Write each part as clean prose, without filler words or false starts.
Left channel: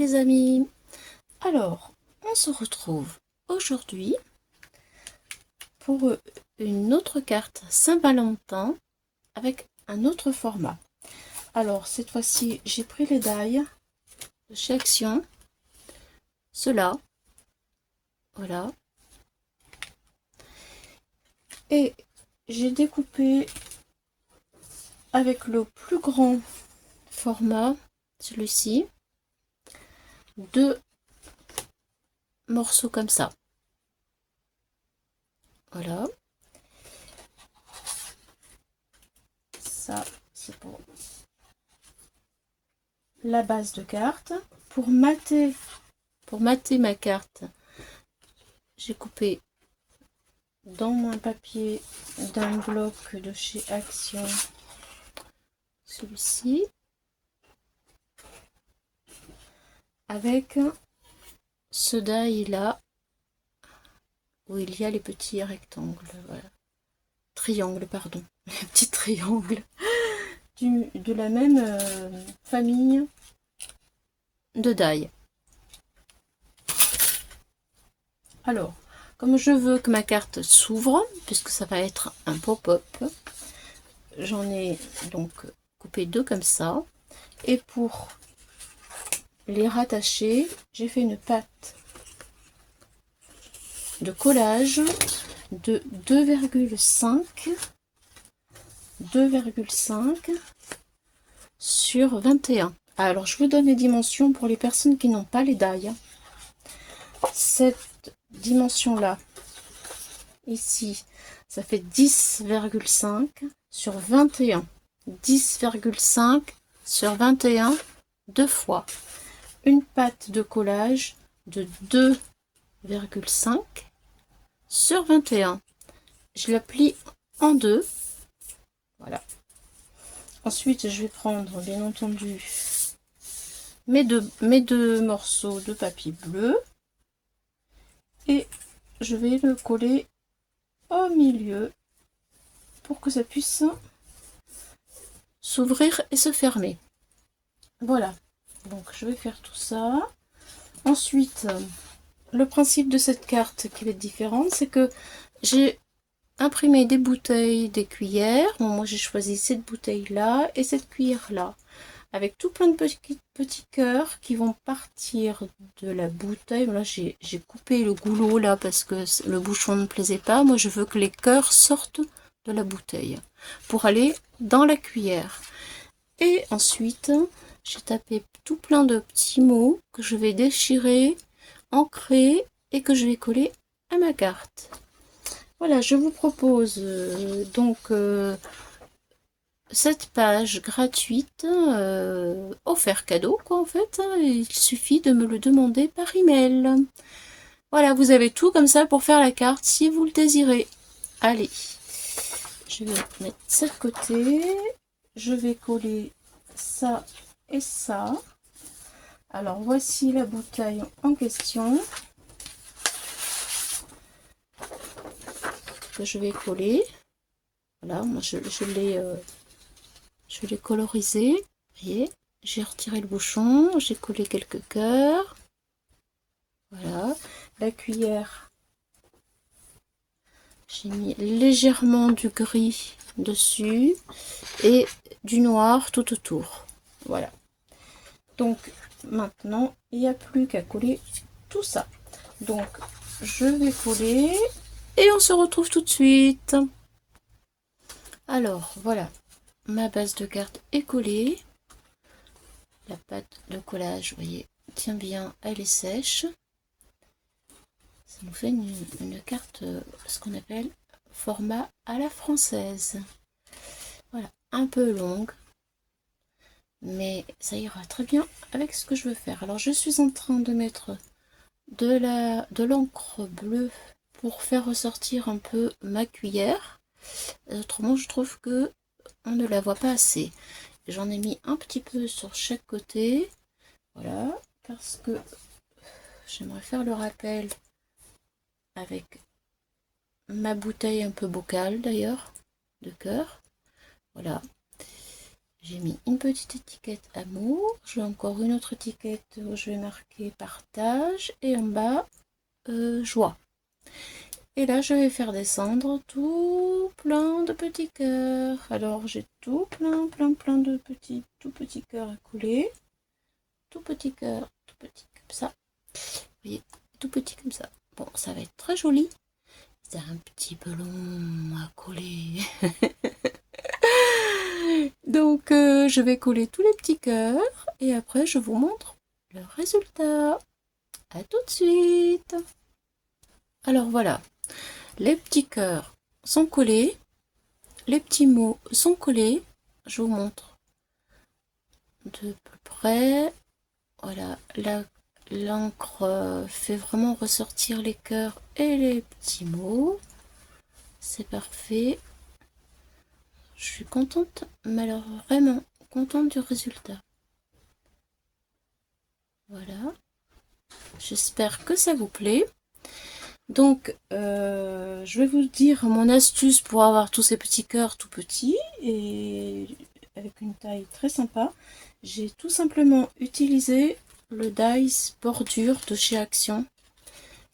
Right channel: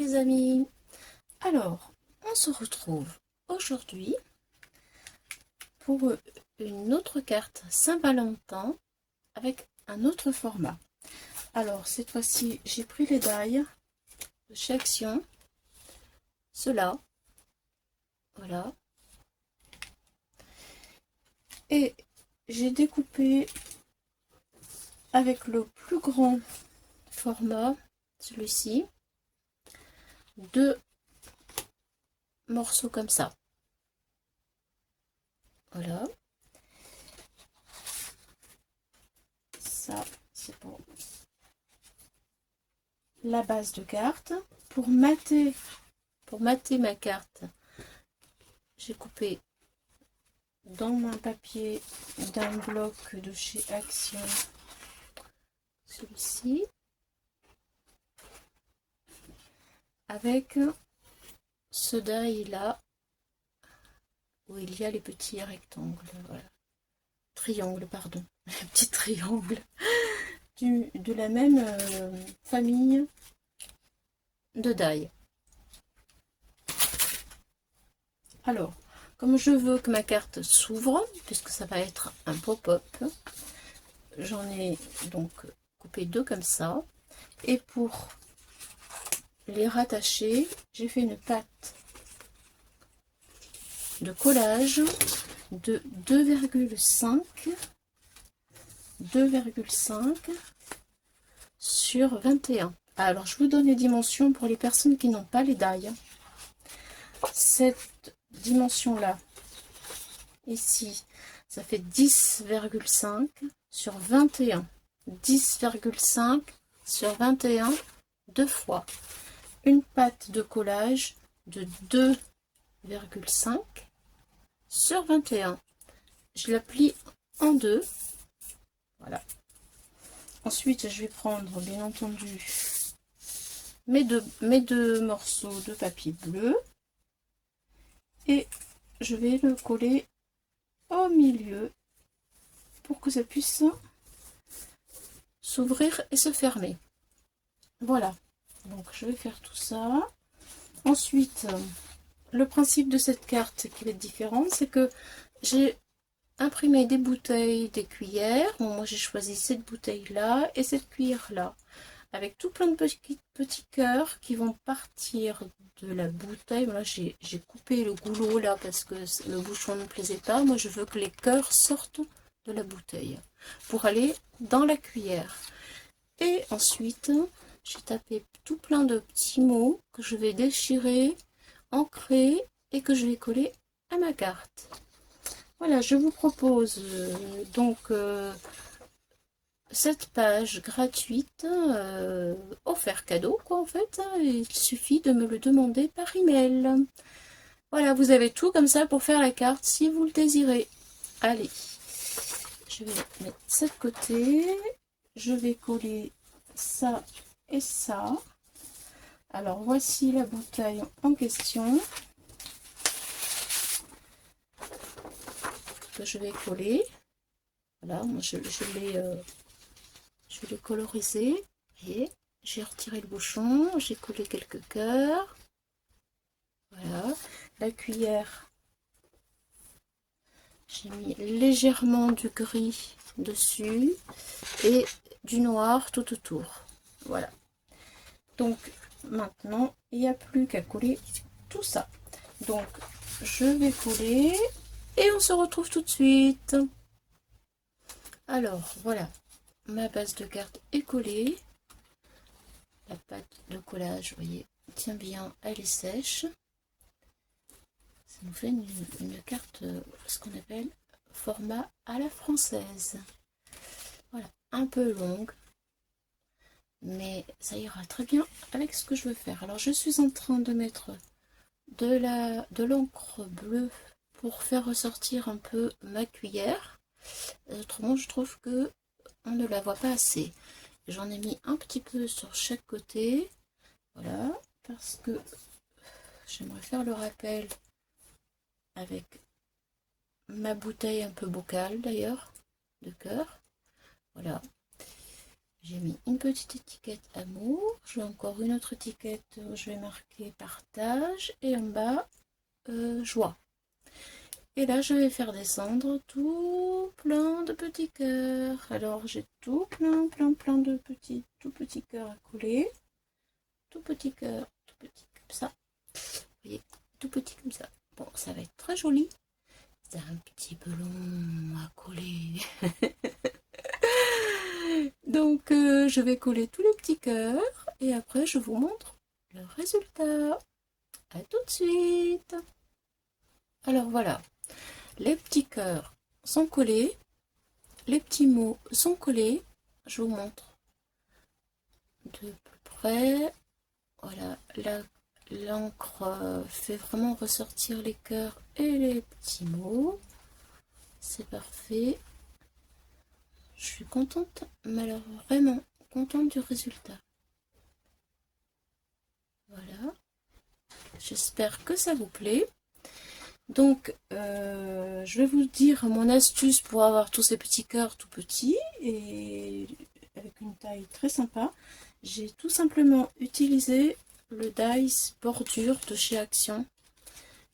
les amis. Alors, on se retrouve aujourd'hui pour une autre carte Saint-Valentin avec un autre format. Alors, cette fois-ci, j'ai pris les die de chez Action. Ceux-là. Voilà. Et j'ai découpé avec le plus grand format, celui-ci, 2 morceaux comme ça. Voilà. Ça, c'est pour la base de carte. Pour mater ma carte, j'ai coupé dans mon papier d'un bloc de chez Action celui-ci avec ce die là où il y a les petits rectangles, voilà. Triangles, pardon, les petits triangles de la même famille de die. Alors, comme je veux que ma carte s'ouvre, puisque ça va être un pop-up, j'en ai donc coupé 2 comme ça. Et pour les rattacher, j'ai fait une pâte de collage de 2,5 sur 21. Alors, je vous donne les dimensions pour les personnes qui n'ont pas les die. Cette dimension-là, ici, ça fait 10,5 sur 21. 10,5 sur 21, 2 fois. Une pâte de collage de 2,5 sur 21. Je la plie en 2. Voilà. Ensuite, je vais prendre, bien entendu, mes deux morceaux de papier bleu. Et je vais le coller au milieu pour que ça puisse s'ouvrir et se fermer. Voilà. Donc, je vais faire tout ça. Ensuite, le principe de cette carte qui va être différente, c'est que j'ai imprimé des bouteilles, des cuillères. Bon, moi, j'ai choisi cette bouteille-là et cette cuillère-là, avec tout plein de petits cœurs qui vont partir de la bouteille. Là, j'ai coupé le goulot là parce que le bouchon ne me plaisait pas. Moi, je veux que les cœurs sortent de la bouteille pour aller dans la cuillère. Et ensuite, j'ai tapé tout plein de petits mots que je vais déchirer, ancrer et que je vais coller à ma carte. Voilà, je vous propose cette page gratuite offert cadeau quoi en fait. Il suffit de me le demander par email. Voilà, vous avez tout comme ça pour faire la carte si vous le désirez. Allez, je vais mettre ça de côté. Je vais coller ça et ça. Alors voici la bouteille en question que je vais coller. Voilà, moi je l'ai colorisé. Vous voyez, j'ai retiré le bouchon, j'ai collé quelques cœurs. Voilà, la cuillère, j'ai mis légèrement du gris dessus et du noir tout autour. Voilà. Donc maintenant, il n'y a plus qu'à coller tout ça. Donc je vais coller et on se retrouve tout de suite. Alors voilà, ma base de carte est collée. La pâte de collage, vous voyez, tient bien, elle est sèche. Ça nous fait une carte, ce qu'on appelle format à la française. Voilà, un peu longue, mais ça ira très bien avec ce que je veux faire. Alors je suis en train de mettre de l'encre bleue pour faire ressortir un peu ma cuillère. Autrement, je trouve que on ne la voit pas assez. J'en ai mis un petit peu sur chaque côté. Voilà, parce que j'aimerais faire le rappel avec ma bouteille un peu bocal d'ailleurs, de cœur. Voilà. J'ai mis une petite étiquette amour. J'ai encore une autre étiquette où je vais marquer partage. Et en bas, joie. Et là, je vais faire descendre tout plein de petits cœurs. Alors, j'ai tout plein de petits, tout petits cœurs à coller. Tout petit cœur, tout petit comme ça. Vous voyez, tout petit comme ça. Bon, ça va être très joli. C'est un petit peu long à coller. Donc, je vais coller tous les petits cœurs. Et après, je vous montre le résultat. À tout de suite. Alors voilà, les petits cœurs sont collés. Les petits mots sont collés. Je vous montre de plus près. Voilà, l'encre fait vraiment ressortir les cœurs et les petits mots. C'est parfait. Je suis contente, mais alors vraiment contente du résultat. Voilà. J'espère que ça vous plaît. Donc, je vais vous dire mon astuce pour avoir tous ces petits cœurs tout petits et avec une taille très sympa. J'ai tout simplement utilisé le dies bordure de chez Action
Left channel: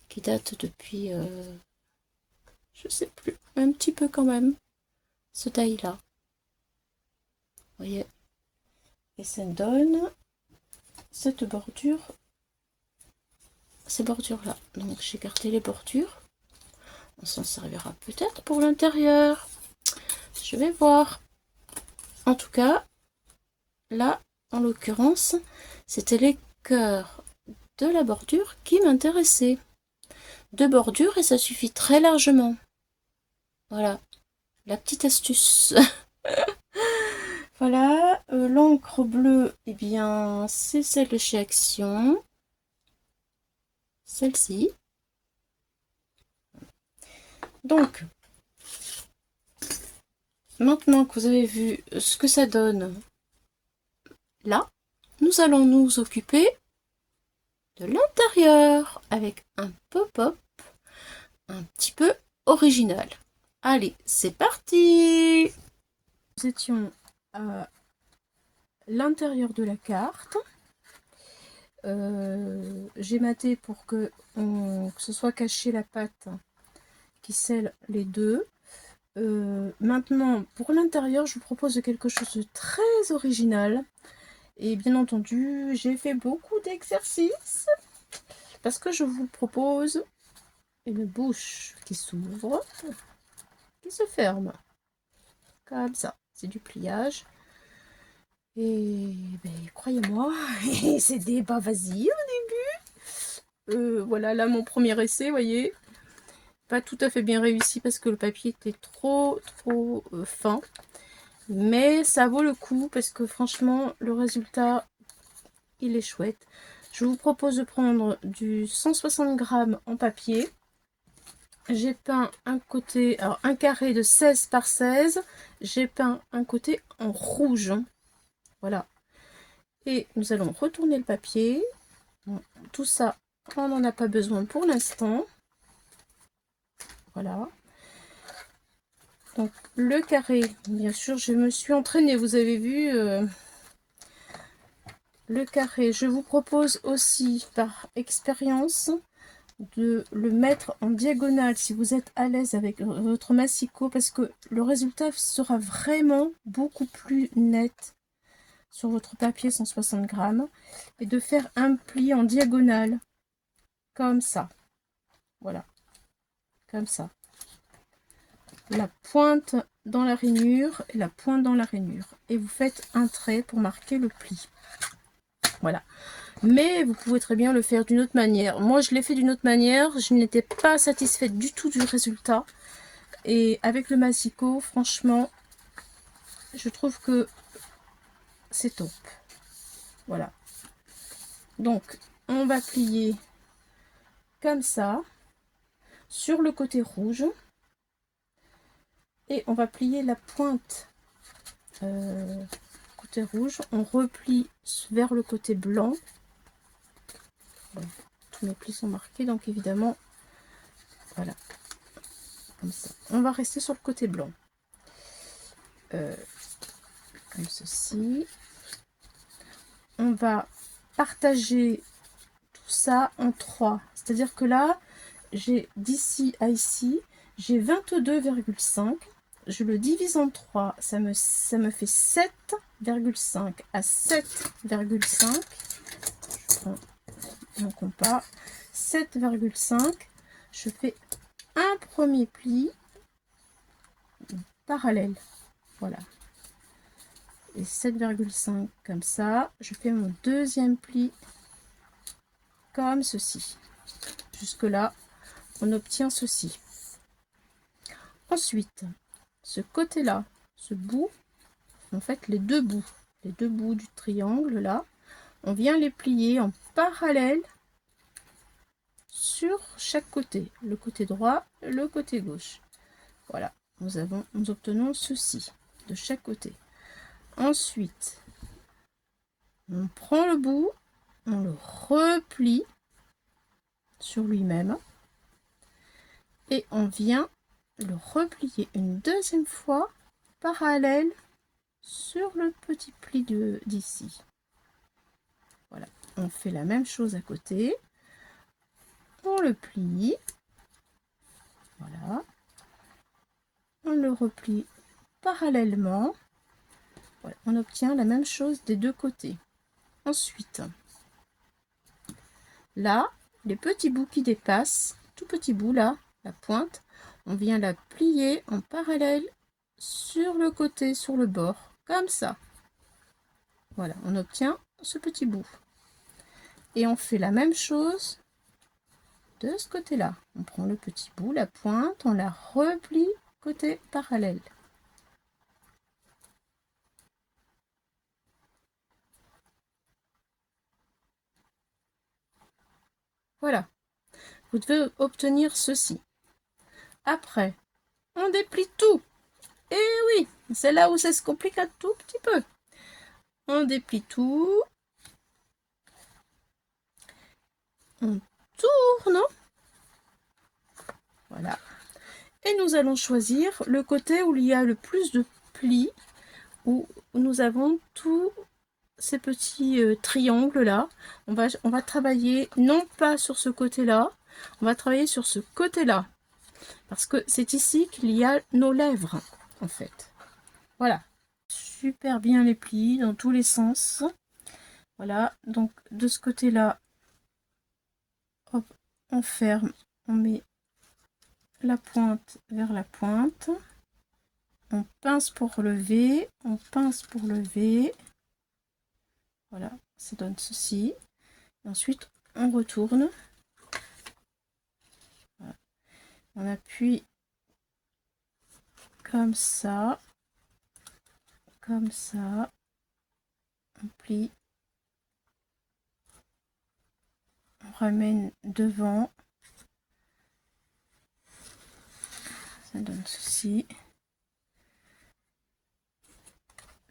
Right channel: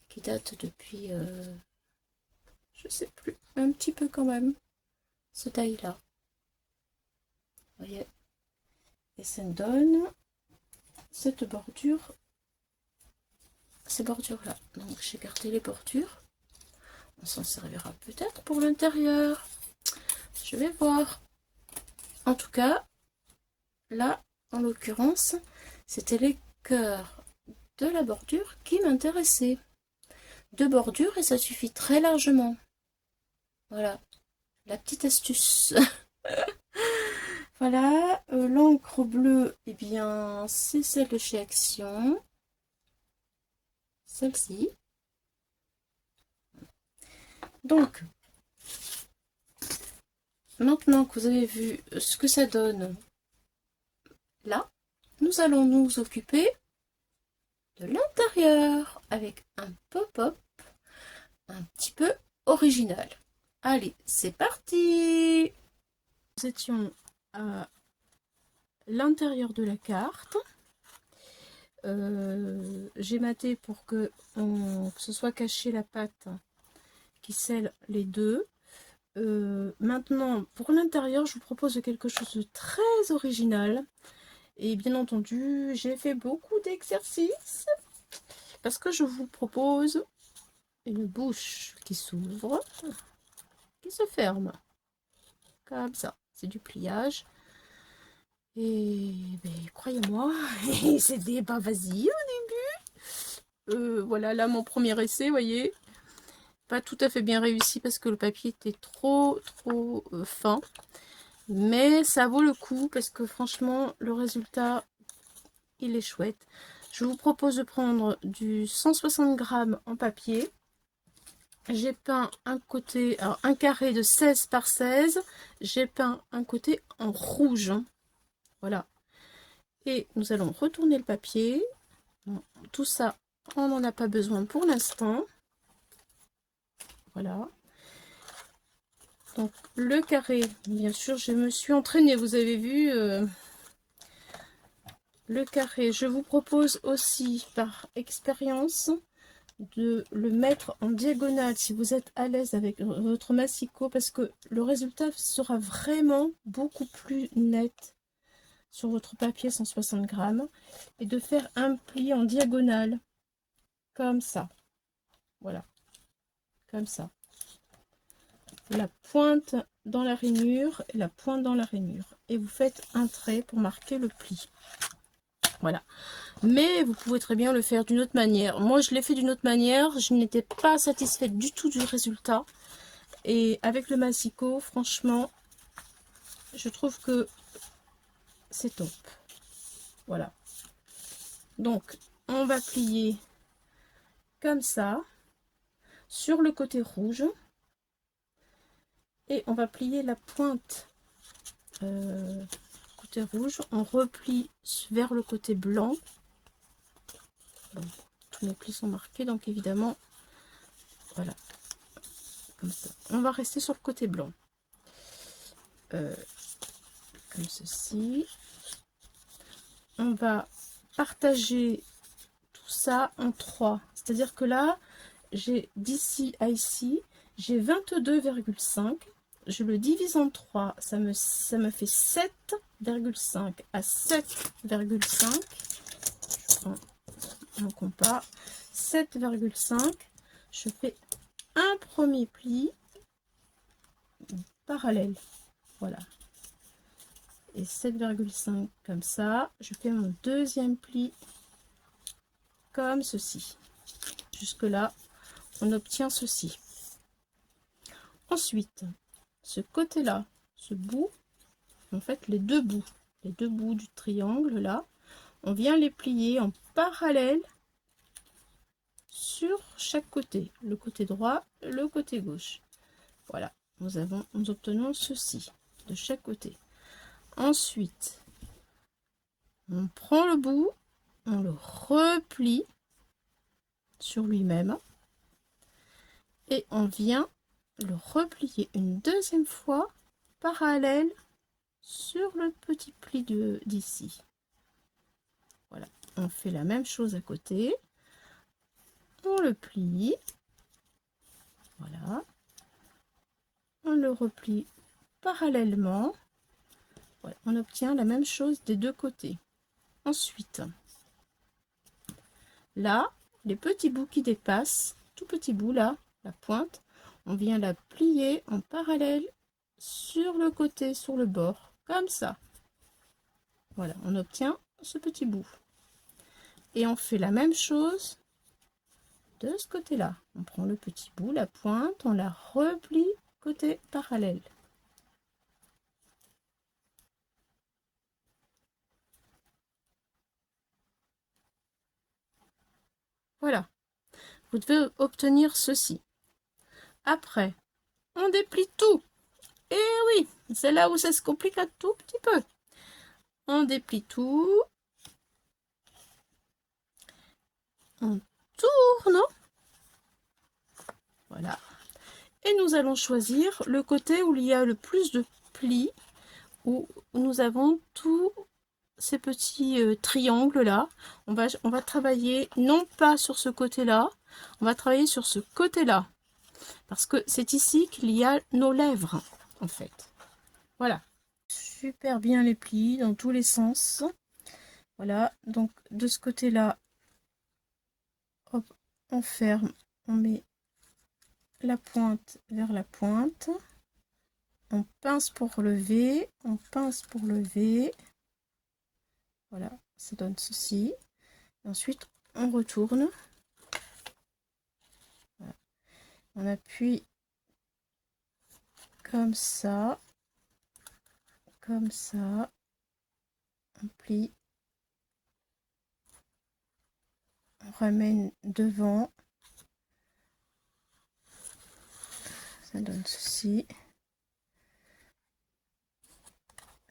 qui date depuis, je sais plus, un petit peu quand même, ce die là. Vous voyez, et ça donne cette bordure, ces bordures là. Donc j'ai gardé les bordures. On s'en servira peut-être pour l'intérieur. Je vais voir. En tout cas, là, en l'occurrence, c'était les cœurs de la bordure qui m'intéressaient. Deux bordures et ça suffit très largement. Voilà, la petite astuce. Voilà, l'encre bleue, eh bien, c'est celle de chez Action. Celle-ci. Donc, maintenant que vous avez vu ce que ça donne là, nous allons nous occuper de l'intérieur avec un pop-up un petit peu original. Allez, c'est parti! Nous étions à l'intérieur de la carte. J'ai maté pour que ce soit caché la patte qui scelle les deux. Maintenant, pour l'intérieur, je vous propose quelque chose de très original. Et bien entendu, j'ai fait beaucoup d'exercices parce que je vous propose une bouche qui s'ouvre, qui se ferme. Comme ça, c'est du pliage. Et ben, croyez-moi, c'était pas facile au début. Voilà, là mon premier essai, vous voyez, pas tout à fait bien réussi parce que le papier était trop fin. Mais ça vaut le coup parce que franchement, le résultat, il est chouette. Je vous propose de prendre du 160 grammes en papier. J'ai peint un côté, alors un carré de 16 par 16. J'ai peint un côté en rouge. Voilà. Et nous allons retourner le papier. Bon, tout ça, on n'en a pas besoin pour l'instant. Voilà. Donc le carré, bien sûr, je me suis entraînée, vous avez vu. Le carré, je vous propose aussi par expérience de le mettre en diagonale si vous êtes à l'aise avec votre massicot parce que le résultat sera vraiment beaucoup plus net sur votre papier 160 grammes et de faire un pli en diagonale comme ça. Voilà, comme ça. La pointe dans la rainure et la pointe dans la rainure. Et vous faites un trait pour marquer le pli. Voilà. Mais vous pouvez très bien le faire d'une autre manière. Moi, je l'ai fait d'une autre manière. Je n'étais pas satisfaite du tout du résultat. Et avec le massicot, franchement, je trouve que c'est top. Voilà. Donc, on va plier comme ça sur le côté rouge. Et on va plier la pointe côté rouge. On replie vers le côté blanc. Bon, tous mes plis sont marqués, donc évidemment, voilà. Comme ça. On va rester sur le côté blanc. comme ceci. On va partager tout ça en 3. C'est-à-dire que là, j'ai d'ici à ici, j'ai 22,5. Je le divise en 3, ça me fait 7,5 à 7,5. Je prends mon compas. 7,5. Je fais un premier pli parallèle. Voilà. Et 7,5 comme ça. Je fais mon deuxième pli comme ceci. Jusque là, on obtient ceci. Ensuite, ce côté-là, ce bout, en fait les deux bouts du triangle là, on vient les plier en parallèle sur chaque côté, le côté droit, le côté gauche. Voilà, nous obtenons ceci de chaque côté. Ensuite, on prend le bout, on le replie sur lui-même et on vient le replier une deuxième fois parallèle sur le petit pli d'ici. Voilà, on fait la même chose à côté, on le plie, voilà, on le replie parallèlement, voilà, on obtient la même chose des deux côtés. Ensuite, là, les petits bouts qui dépassent, tout petit bout là, la pointe, on vient la plier en parallèle sur le côté, sur le bord, comme ça. Voilà, on obtient ce petit bout. Et on fait la même chose de ce côté-là. On prend le petit bout, la pointe, on la replie côté parallèle. Voilà. Vous devez obtenir ceci. Après, on déplie tout. Et oui, c'est là où ça se complique un tout petit peu. On déplie tout. On tourne. Voilà. Et nous allons choisir le côté où il y a le plus de plis, où nous avons tous ces petits triangles là. On va travailler non pas sur ce côté là, on va travailler sur ce côté là. Parce que c'est ici qu'il y a nos lèvres, en fait. Voilà. Super bien les plis dans tous les sens. Voilà. Donc, de ce côté-là, hop, on ferme. On met la pointe vers la pointe. On pince pour lever. On pince pour lever. Voilà. Ça donne ceci. Ensuite, on retourne. Voilà. On appuie comme ça. Comme ça. On plie. On ramène devant. Ça donne ceci.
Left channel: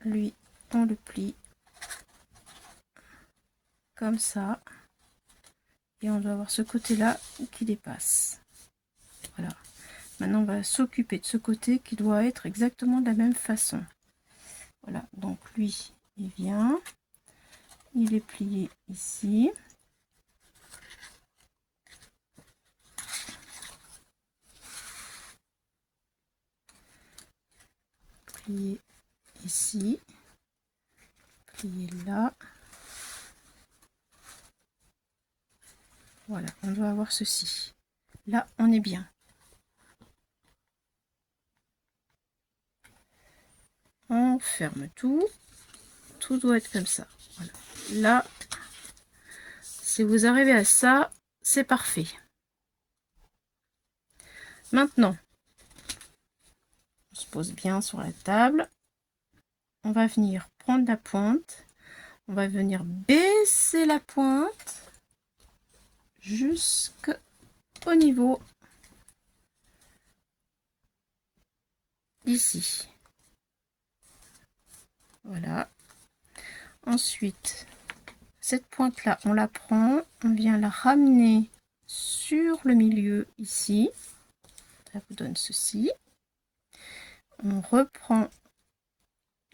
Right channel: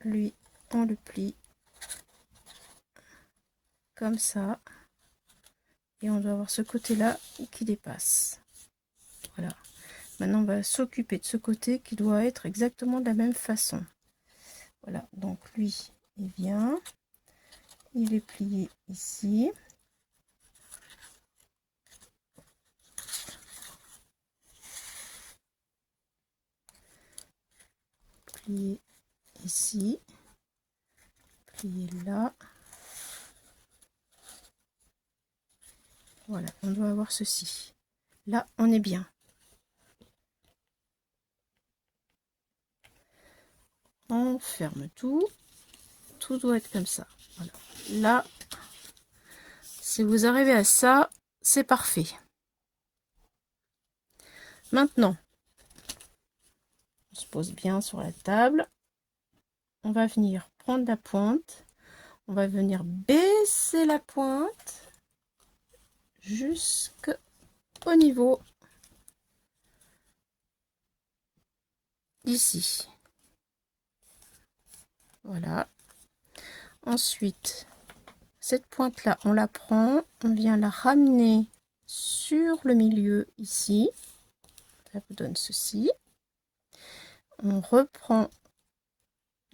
Lui, on le plie comme ça. Et on doit avoir ce côté-là qui dépasse. Voilà. Maintenant, on va s'occuper de ce côté qui doit être exactement de la même façon. Voilà. Donc, lui, il vient. Il est plié ici. Plié ici. Plié là. Voilà. On doit avoir ceci. Là, on est bien. On ferme tout. Tout doit être comme ça. Voilà. Là, si vous arrivez à ça, c'est parfait. Maintenant, on se pose bien sur la table. On va venir prendre la pointe. On va venir baisser la pointe jusqu'au niveau ici. Voilà. Ensuite, cette pointe là, on la prend, on vient la ramener sur le milieu ici. Ça vous donne ceci. On reprend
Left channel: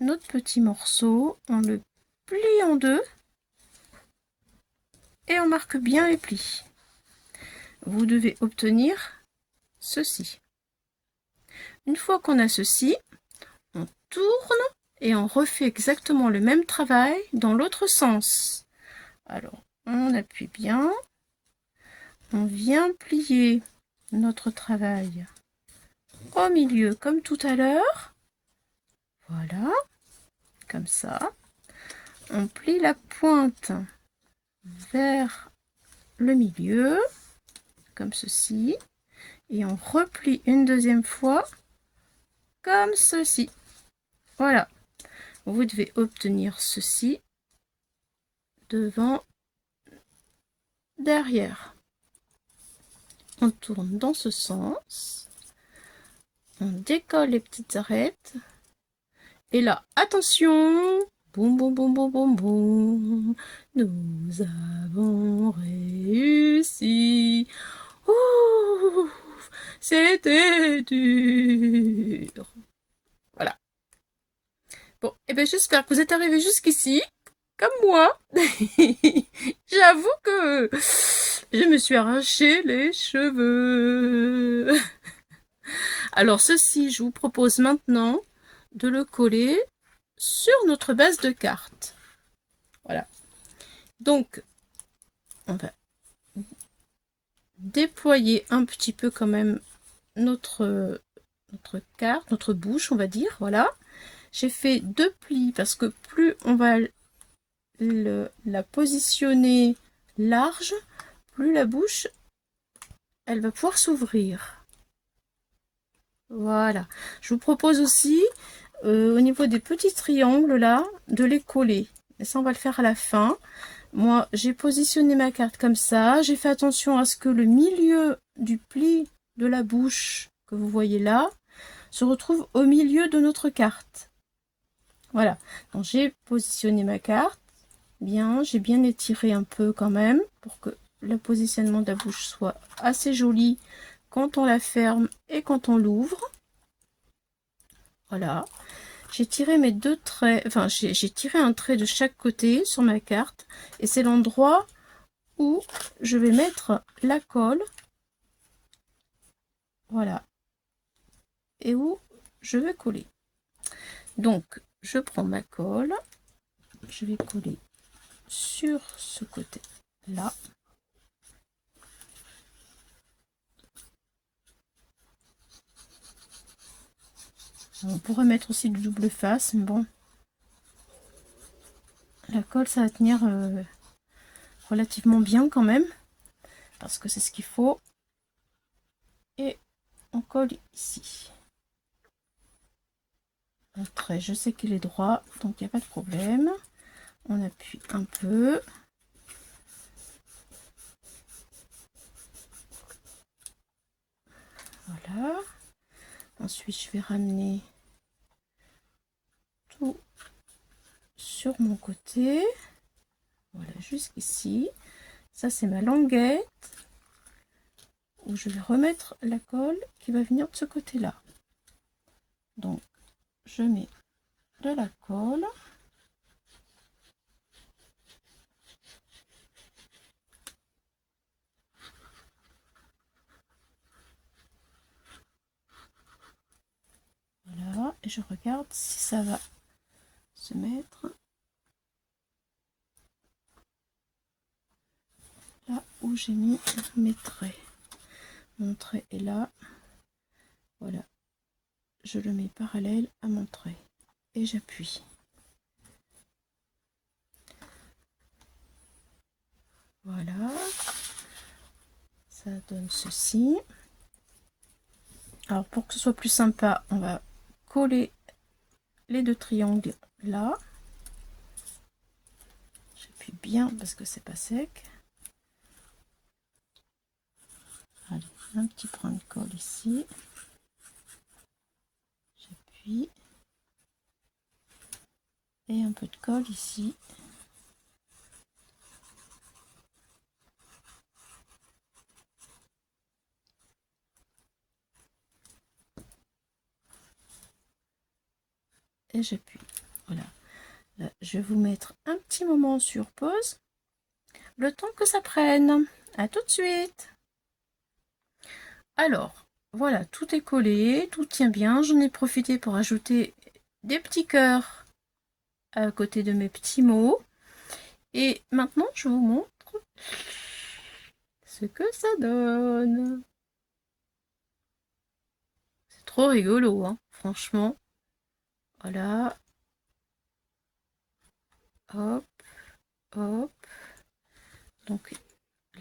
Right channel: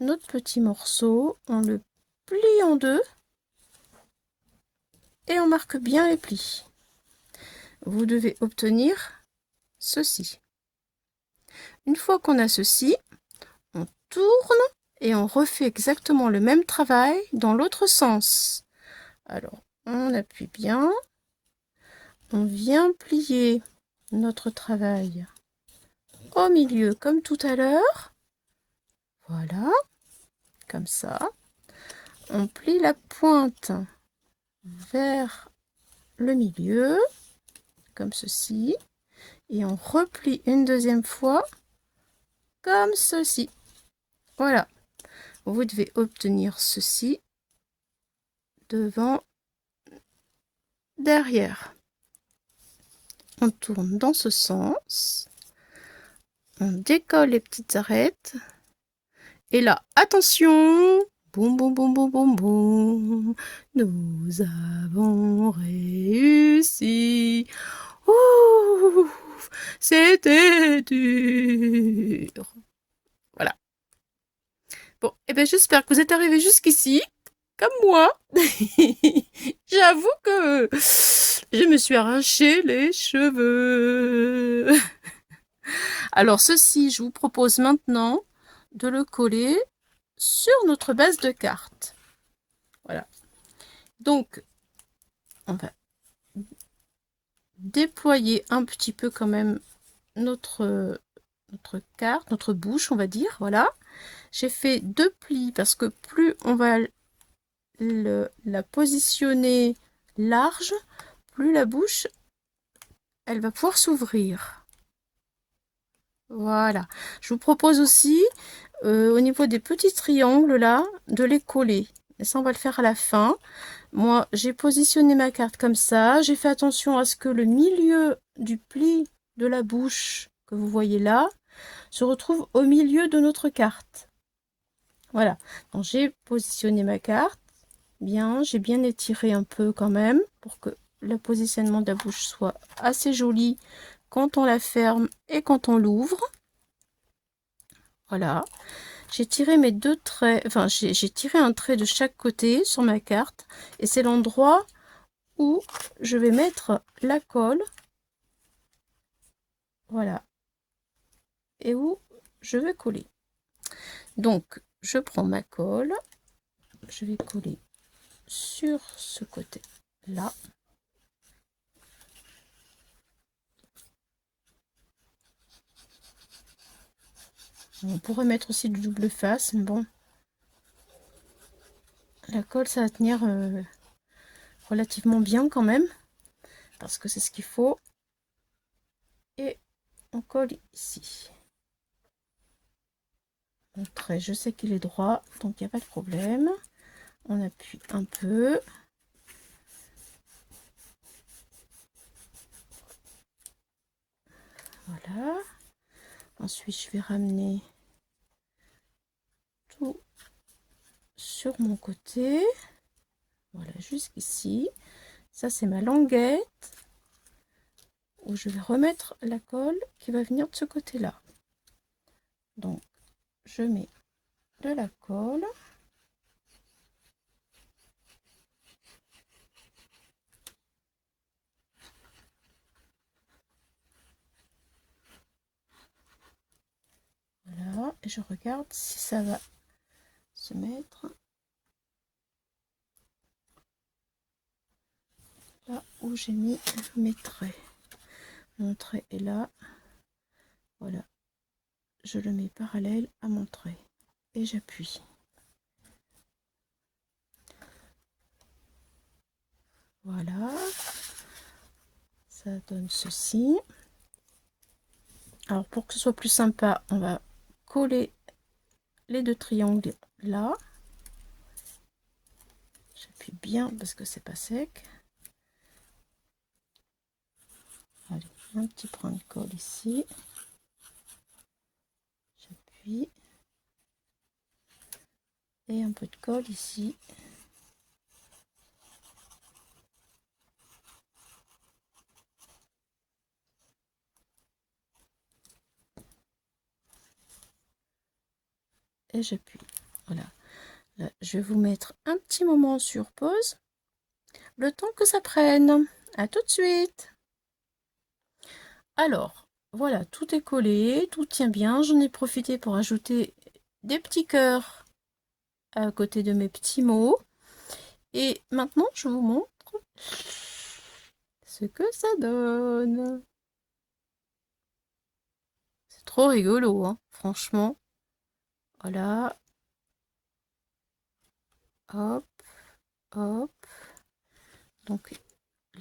notre petit morceau, on le plie en deux et on marque bien les plis. Vous devez obtenir ceci. Une fois qu'on a ceci, on tourne et on refait exactement le même travail dans l'autre sens. Alors, on appuie bien, on vient plier notre travail au milieu comme tout à l'heure. Voilà, comme ça. On plie la pointe vers le milieu, comme ceci. Et on replie une deuxième fois, comme ceci. Voilà. Vous devez obtenir ceci devant, derrière. On tourne dans ce sens. On décolle les petites arêtes. Et là, attention! Boum, boum, boum, boum, boum, boum. Nous avons réussi. Ouh, c'était dur. Voilà. Bon, et bien j'espère que vous êtes arrivés jusqu'ici, comme moi. J'avoue que je me suis arraché les cheveux. Alors ceci, je vous propose maintenant de le coller sur notre base de carte. Voilà. Donc, on va déployer un petit peu quand même notre carte, notre bouche, on va dire. Voilà. J'ai fait 2 plis parce que plus on va la positionner large, plus la bouche, elle va pouvoir s'ouvrir. Voilà. Je vous propose aussi, au niveau des petits triangles là, de les coller. Et ça, on va le faire à la fin. Moi, j'ai positionné ma carte comme ça. J'ai fait attention à ce que le milieu du pli de la bouche que vous voyez là se retrouve au milieu de notre carte. Voilà. Donc, j'ai positionné ma carte. Bien, j'ai bien étiré un peu quand même pour que le positionnement de la bouche soit assez joli quand on la ferme et quand on l'ouvre. Voilà. J'ai tiré mes 2 traits, enfin j'ai tiré un trait de chaque côté sur ma carte et c'est l'endroit où je vais mettre la colle. Voilà. Et où je vais coller. Donc, je prends ma colle, je vais coller sur ce côté-là. On pourrait mettre aussi du double face, mais bon. La colle, ça va tenir relativement bien quand même, parce que c'est ce qu'il faut. Et on colle ici. Mon trait, je sais qu'il est droit, donc il n'y a pas de problème. On appuie un peu. Voilà. Ensuite, je vais ramener tout sur mon côté. Voilà, jusqu'ici. Ça, c'est ma languette où je vais remettre la colle qui va venir de ce côté-là. Donc, je mets de la colle. Voilà, et je regarde si ça va se mettre là où j'ai mis mes traits. Mon trait est là. Voilà, je le mets parallèle à mon trait et j'appuie. Voilà, ça donne ceci. Alors pour que ce soit plus sympa, on va coller les 2 triangles là. J'appuie bien parce que c'est pas sec. Allez, un petit point de colle ici. J'appuie. Et un peu de colle ici. Et j'appuie. Là, je vais vous mettre un petit moment sur pause, le temps que ça prenne. À tout de suite. Alors, voilà, tout est collé, tout tient bien. J'en ai profité pour ajouter des petits cœurs à côté de mes petits mots. Et maintenant, je vous montre ce que ça donne. C'est trop rigolo, hein, franchement. Voilà. Hop, hop. Donc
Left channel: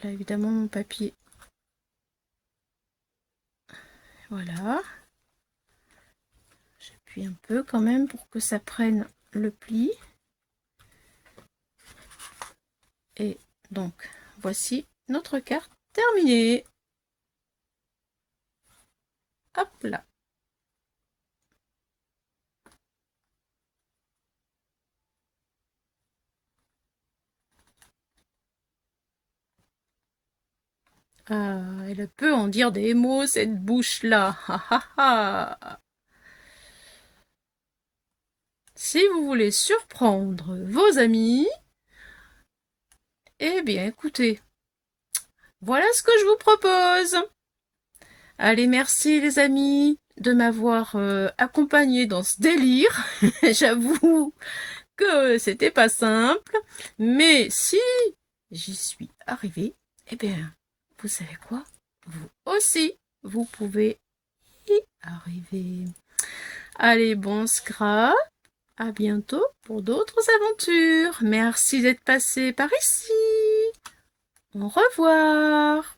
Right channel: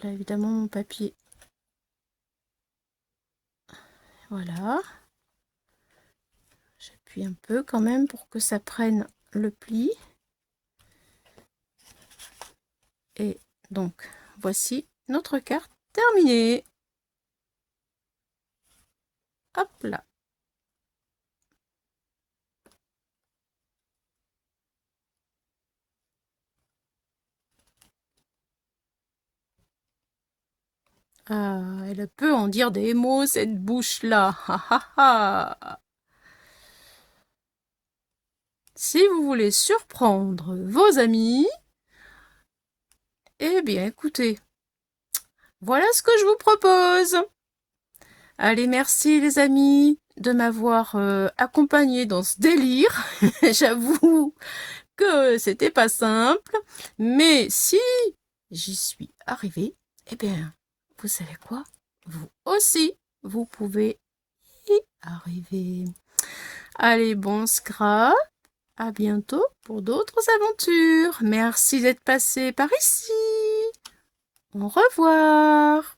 là, évidemment, mon papier. Voilà. J'appuie un peu quand même pour que ça prenne le pli. Et donc, voici notre carte terminée. Hop là. Ah, elle peut en dire des mots, cette bouche-là. Si vous voulez surprendre vos amis, eh bien, écoutez, voilà ce que je vous propose. Allez, merci les amis de m'avoir accompagné dans ce délire. J'avoue que c'était pas simple, mais si j'y suis arrivée, eh bien, vous savez quoi? Vous aussi, vous pouvez y arriver. Allez, bon scrap, à bientôt pour d'autres aventures. Merci d'être passé par ici. Au revoir.